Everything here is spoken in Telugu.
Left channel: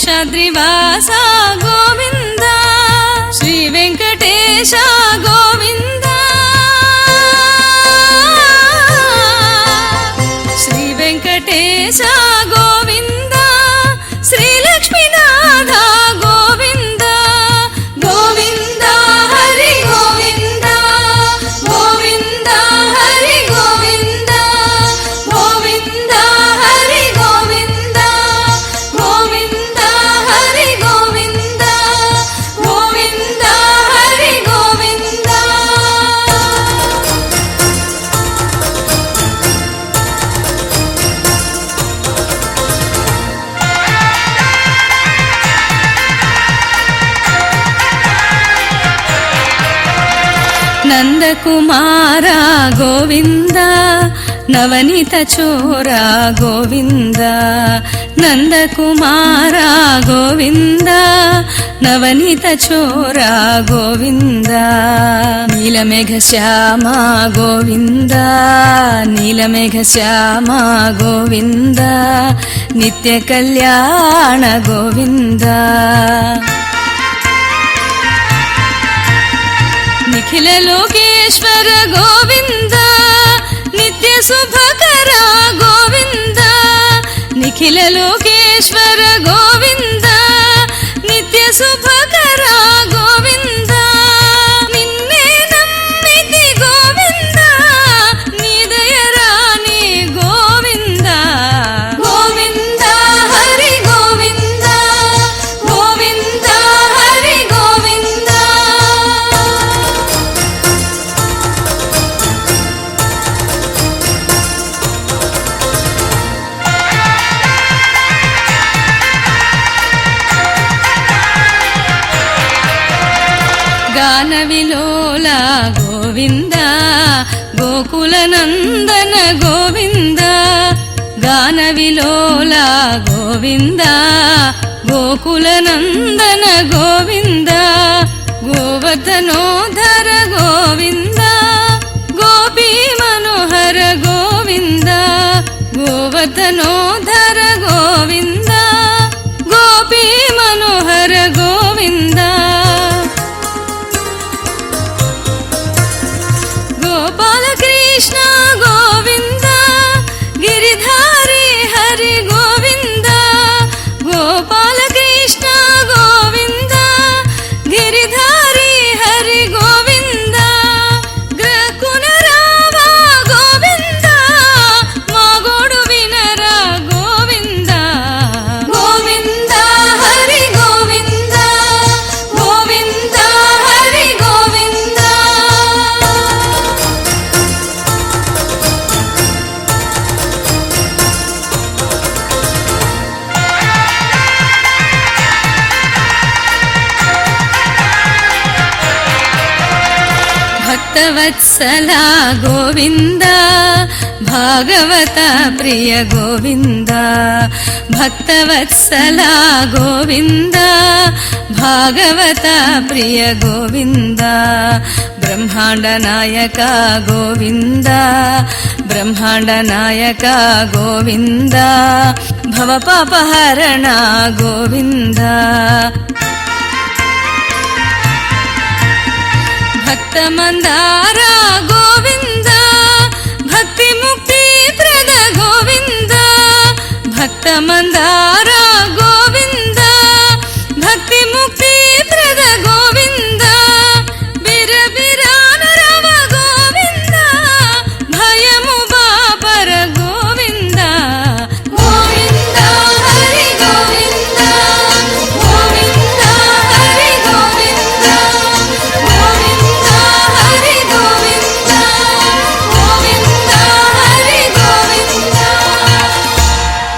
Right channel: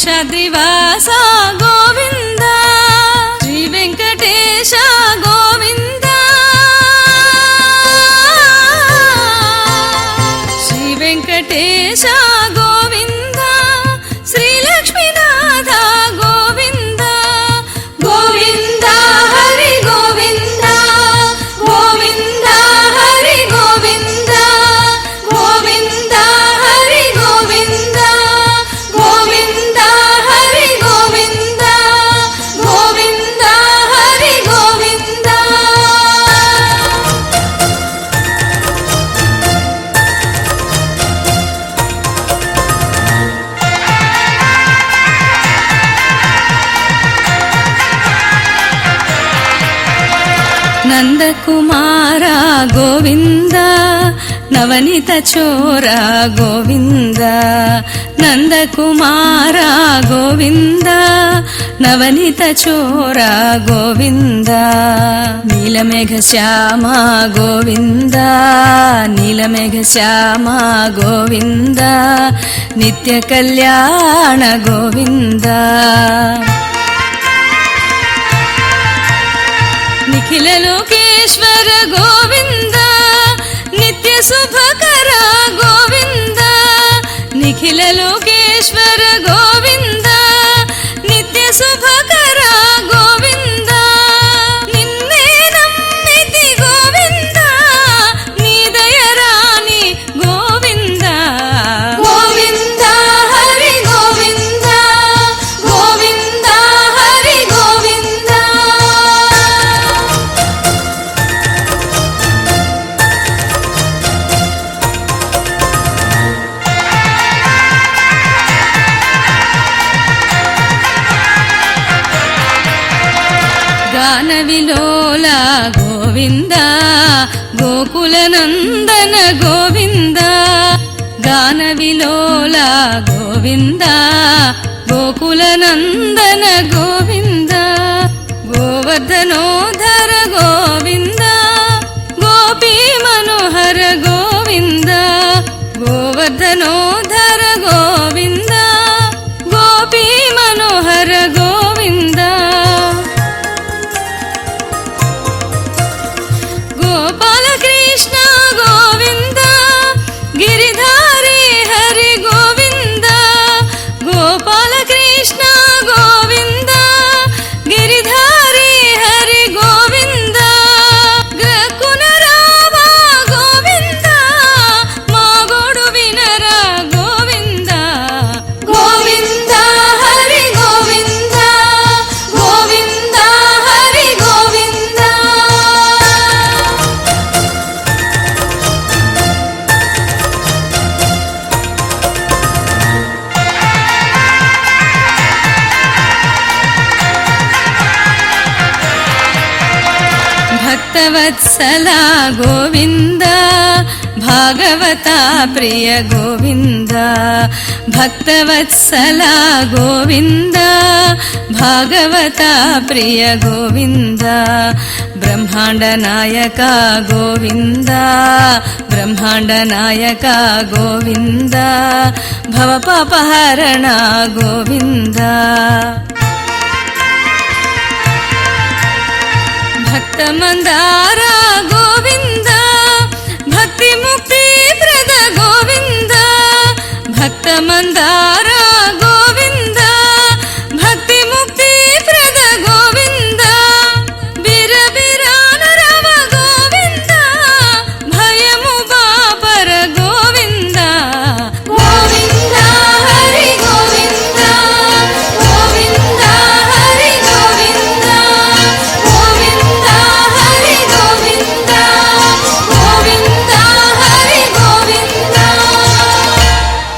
శేషాద్రివాస గోవింద శ్రీ వెంకటేశ గోవింద శ్రీ వెంకటేశ గోవింద శ్రీ లక్ష్మీనాథ గోవింద గోవింద హరి గోవింద గోవింద హరి గోవింద గోవింద హరి గోవింద గోవింద హరి గోవింద గోవింద హరి గోవింద. నందకుమార గోవింద నవనీత చోర గోవింద నందకుమార గోవింద నవనీత చోర గోవింద నీలమేఘ శ్యామ గోవింద నీలమేఘ శ్యామ గోవింద నిత్య కళ్యాణ గోవింద నిఖిల లోకేశ్వర గోవింద నిత్య శుభకర గోవింద నిఖిల లోకేశ్వర గోవింద నిత్య శుభకర గోవింద నిన్నే నమ్మితి గోవింద నిరయరాణి గోవింద గోవింద హరి గోవింద గోవింద హరి గోవింద. గాన విలోల గోవింద గోకుల నందన గోవింద గాన విలోల గోవింద గోకుల నందన గోవింద గోవర్ధనోధర గోవింద గోపీ మనోహర గోవింద గోవర్ధనోధర గోవింద గోపీ మనోహర గోవింద గోపాలకృష్ణ గోవింద గిరిధారి హరి గోవింద గోపాలకృష్ణ గోవింద గిరిధారి హరి గోవింద గ్రకున రామ గోవింద మాగోడు వినర గోవింద గోవింద హరి గోవింద గోవింద హరి గోవింద. భక్తవత్సల గోవింద భాగవత ప్రియ గోవింద భక్తవత్సల గోవింద భాగవత ప్రియ గోవింద బ్రహ్మాండ నాయక గోవింద బ్రహ్మాండ నాయక గోవింద భవపాపహరణ గోవింద భక్తమందార గోవింద భక్తి ముక్తి ప్రద గోవింద భక్తమందార